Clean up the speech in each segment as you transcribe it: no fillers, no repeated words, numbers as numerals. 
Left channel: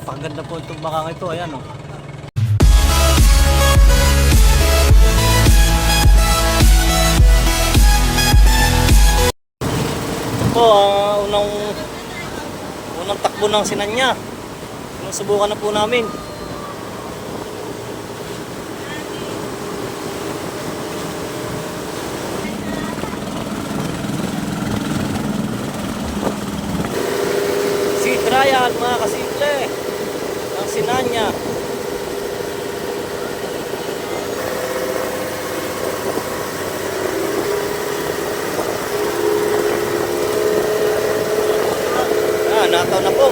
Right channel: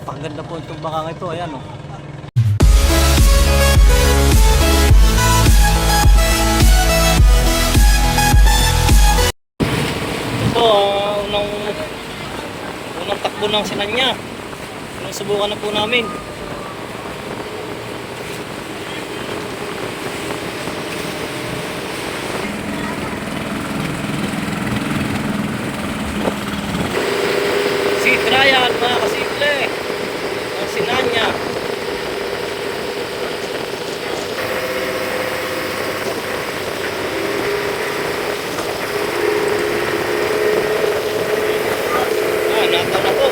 Napakaganda po itong bakang ito. Ayan oh. Ito, unang takbo ng sinanya. Subukan na po namin. Si trial mga kasimple ng sinanya. Nataw na po.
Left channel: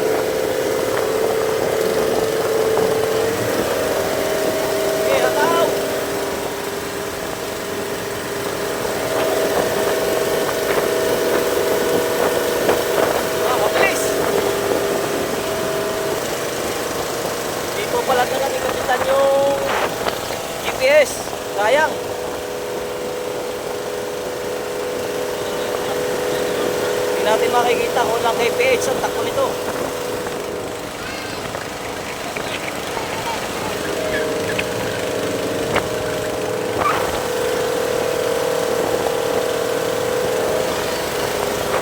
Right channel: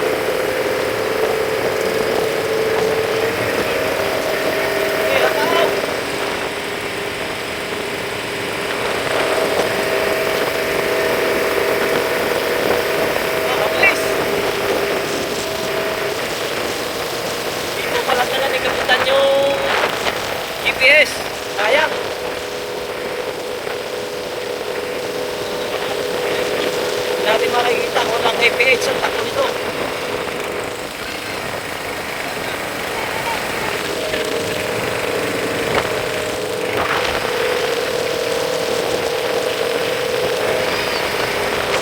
Pala na lang ikapitan yung GPS. Sayang. Hindi natin makikita kung ng KPH ang takbo nito.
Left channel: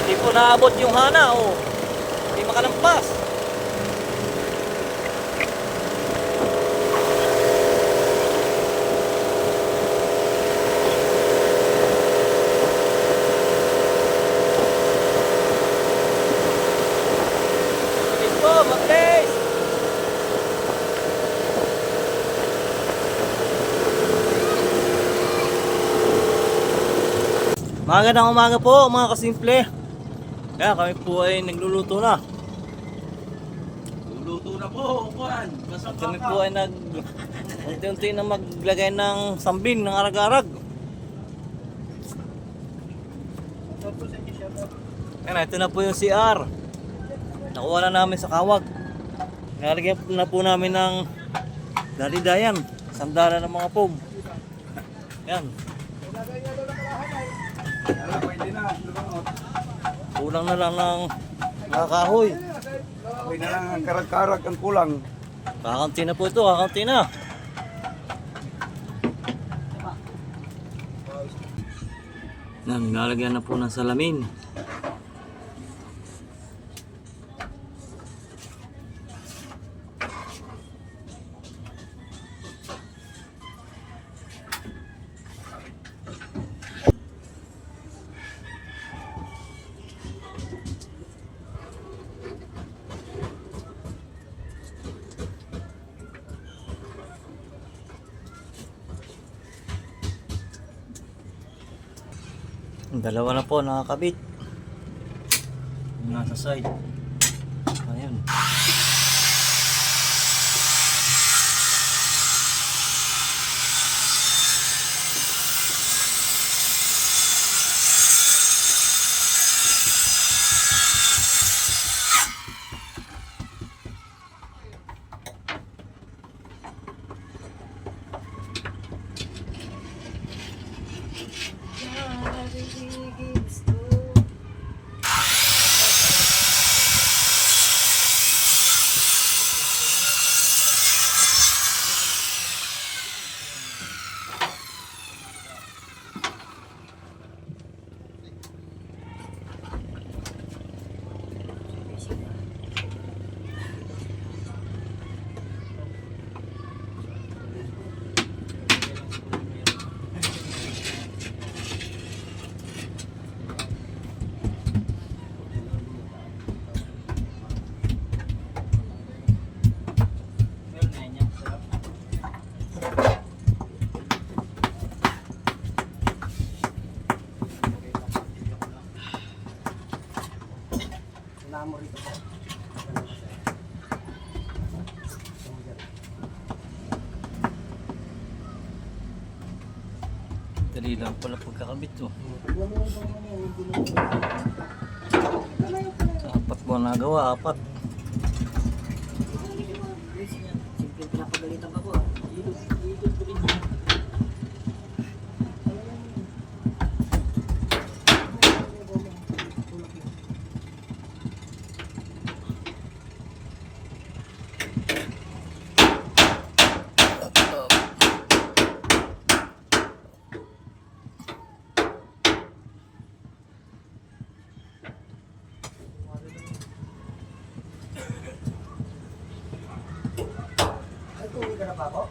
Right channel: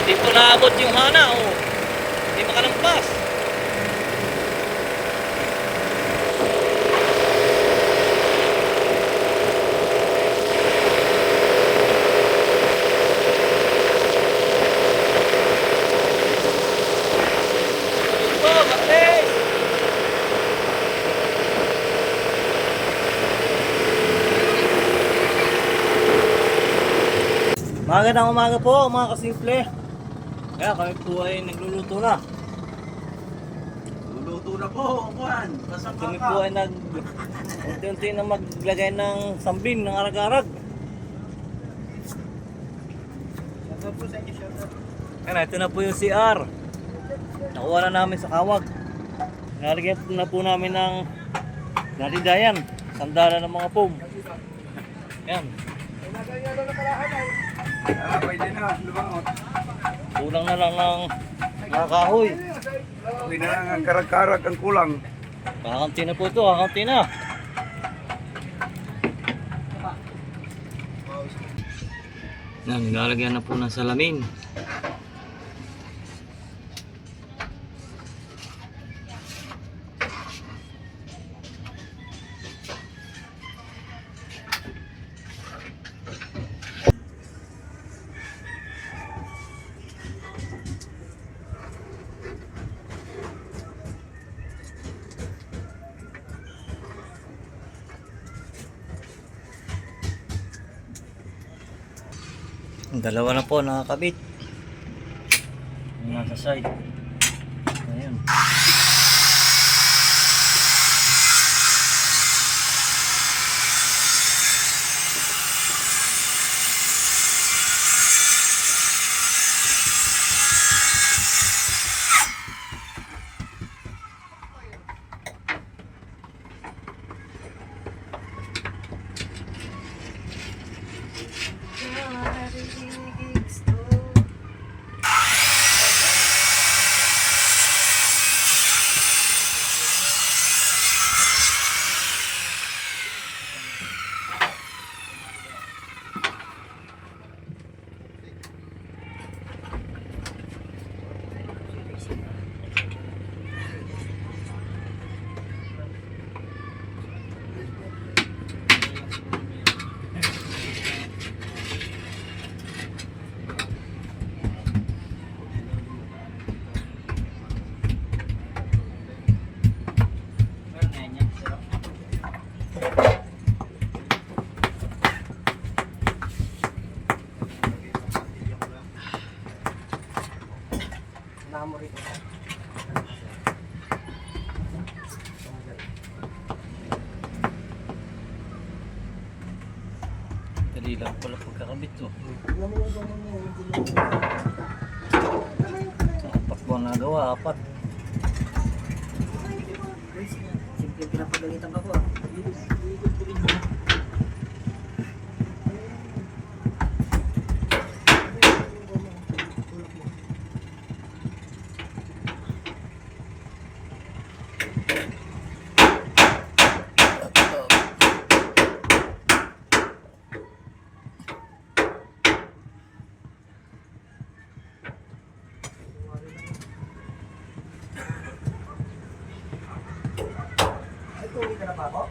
Hindi po naabot yung hana. Oh. Hindi makalampas. Magandang umaga po mga kasimple. Kaya kami po ay nagluluto na. Luluto na po, Juan. Kami po ay unti-unti na maglagay ng sambing ng arag-arag. Ayan, ito na po yung CR. Nakuha na namin sa kawag. Nalagyan na po namin ng dalidayan, sandala ng mga foam. Ayan. Pwede na, lumangot. Kulang na lang ng mga kahoy. Pwede na lang ang karag-karag ang kulang. Kakanti na po ito, kakanti na. Nilalagyan na po ng salamin. Dalawa na po nakakabit. Yung nasa side. Ayan. Dali lang pala pagkakabit to. Apat mo nagawa, apat. Simple pinapagalitan ako. Tapos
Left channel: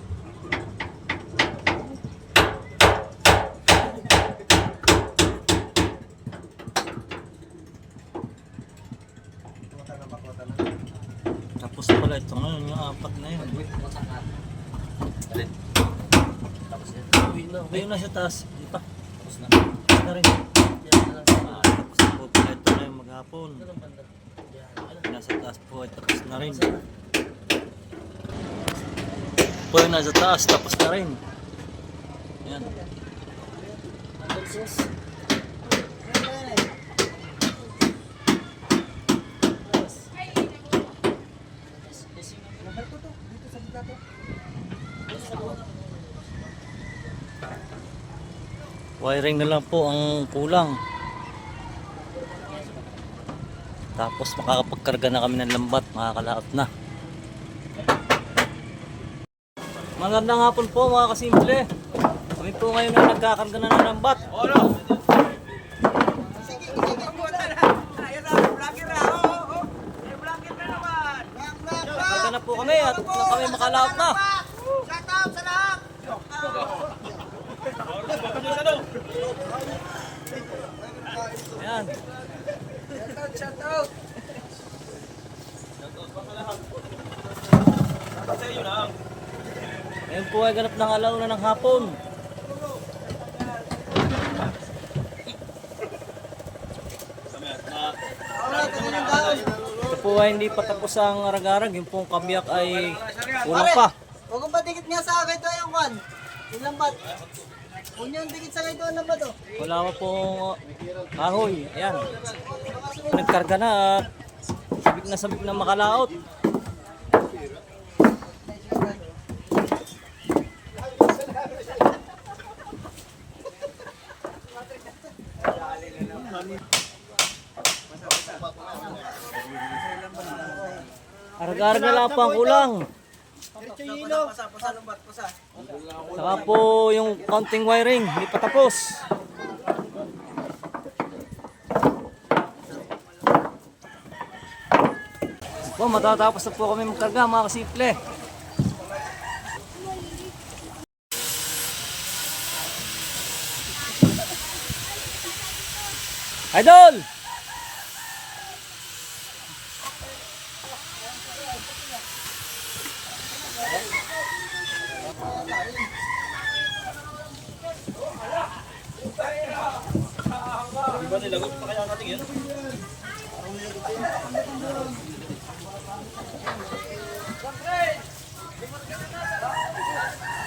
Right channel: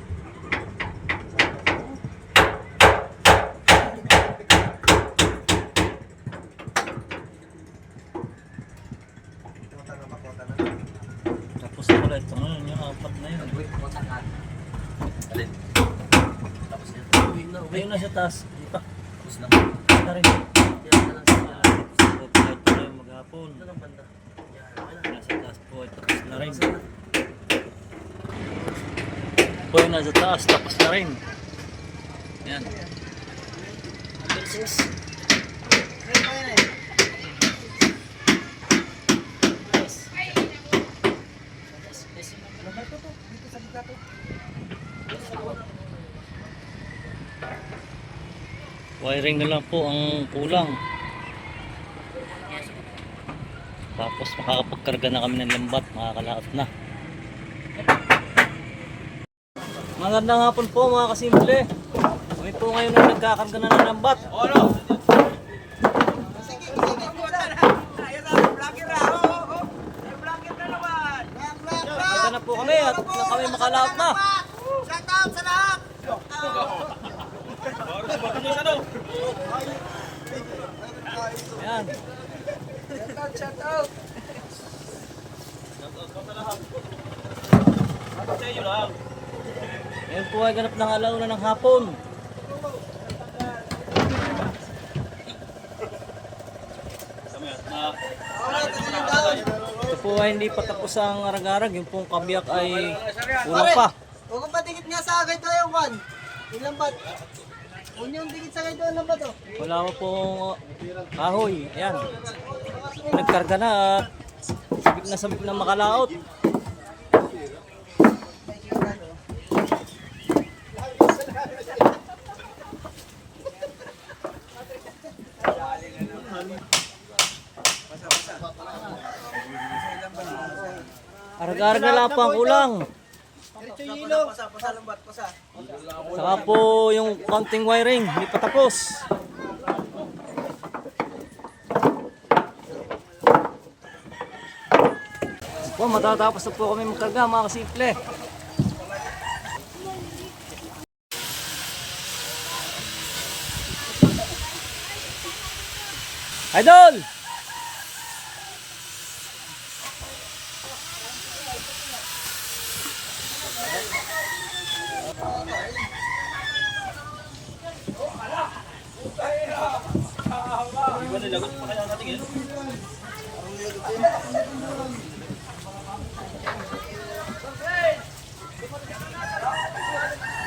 na pala ito ngayon, yung apat na yun. Alin? Uwi na sa taas. Hindi pa. Tapos na. Na rin. Ito na yung maghapon. Nasa taas po ay tapos na rin. Po yung nasa taas tapos na rin. Ayan. Wiring na lang po ang kulang. Tapos makakapagkarga na kami ng lambat, makakalaot na. Magandang hapon po mga kasimple. Kami po ngayon ay nagkakarga na ng lambat. Karga na po kami at nang kami makalaot na. Ayan. Shout out. Ngayon po ay ganap ng alauna ng hapon. Ito po ay hindi pa tapos ang arag-arag. Yung pong kabiyak ay kulang pa. Huwag kong patikit nga sa agad tayo, Juan. Yung lambat. Huwag nyo yung dikit sa agad yung lambat, oh. Wala pa pong kahoy. Ayan. Nagkarga na at sabik na makalaot. Arag-arag na lang po ang kulang. Pasa, lambat, pasa. Saka po yung counting wiring, hindi pa tapos. Po, matatapos na po kami magkarga mga kasimple. Idol!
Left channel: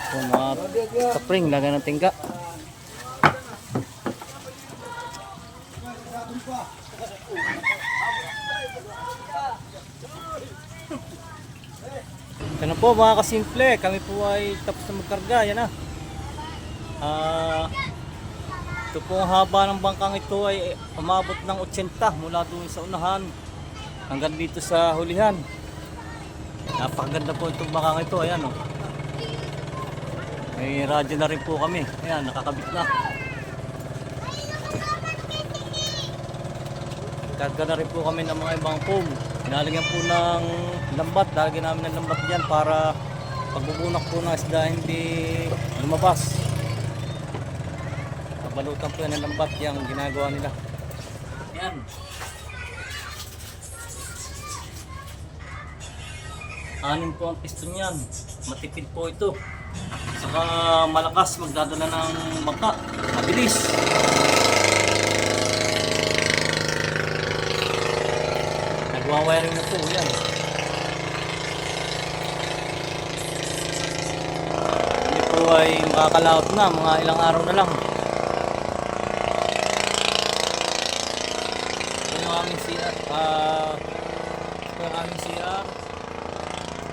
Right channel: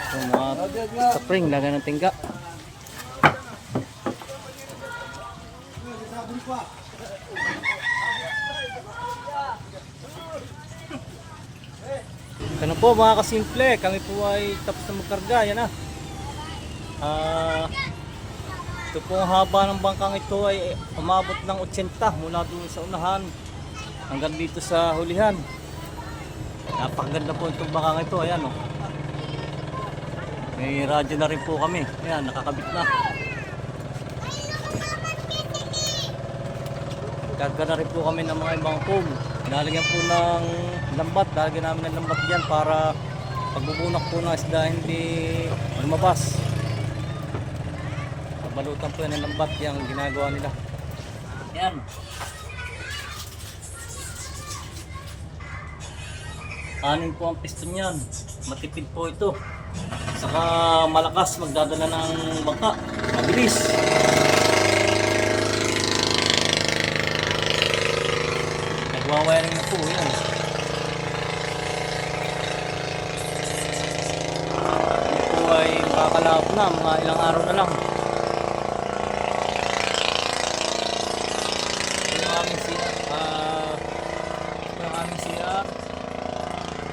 So, mga kapring, laga ng tingga. Ano po mga kasimple, kami po ay tapos na magkarga, yan na. Ito po ang haba ng bangkang ito ay umabot ng 80 mula doon sa unahan hanggang dito sa hulihan. Napakaganda po itong bangkang ito, ayan o. May radyo na rin po kami, ayan, nakakabit na. Nagkarga na rin po kami ng mga ibang foam. Pinalagyan po ng lambat, lalagyan namin ng lambat dyan para pagbubunak po ng isda hindi lumabas. Balutan po yan ng lambat yung ginagawa nila. Yan. Anin po ang piston yan. Matipid po ito. Saka malakas magdadala ng bangka. Mabilis. Nagwawiring na po yan. Hindi po ay makakalaot na. Mga ilang araw na lang.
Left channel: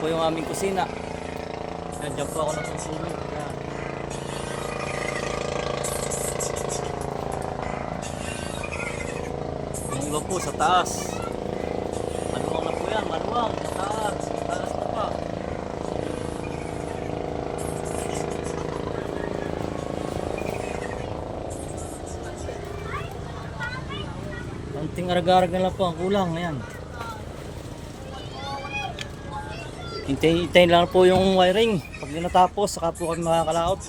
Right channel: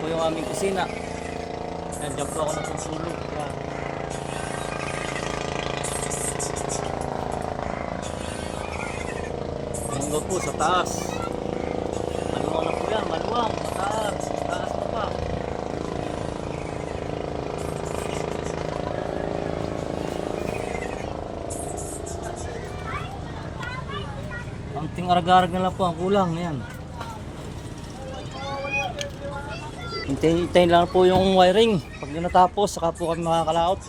Ito yung aming kusina. Nandiyan po ako natutulog. Yan. Yung iba po sa taas. Maluwang na po yan, maluwang. Mataas. Mataas na pa. Kaunting arag-arag na lang po ang kulang. Ayan. Hintayin lang po yung wiring. Pag natapos, saka po kami makakalaot.